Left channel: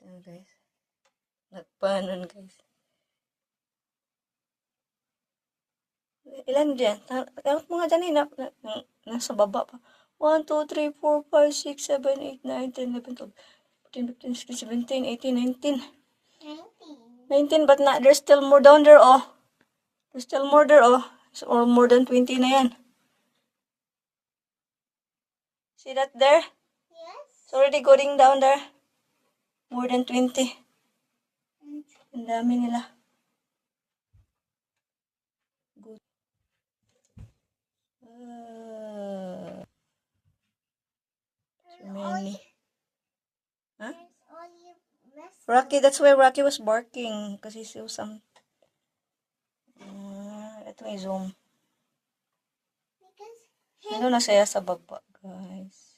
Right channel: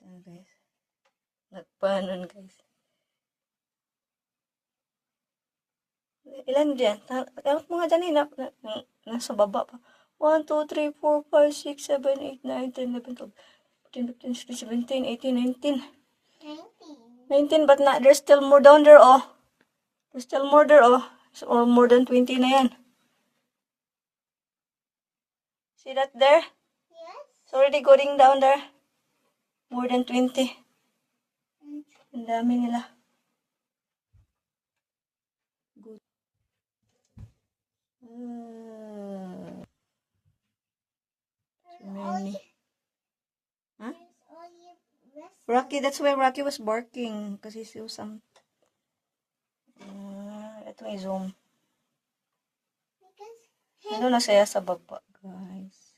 Ito guys. Nagpanon guys. Ilan dyan? Tanong mo nga dyan nasa baba pa. 1, 2, 3, 4, 5, 6, 7, 8, 9, 10, 11, 12, 14, 15, 16, 17, 18, 19. 19, but not, there's still more down there, oh. There's still more there, oh. So, more than 20 na yan. See that there? Yes. It's already going down there. More than 20. Ang dami nila. Good. So many. Huh? Rocky, that's why Rocky was barking. Because he saw some. Ito ay zoom. Ito na saya sa baba, guys.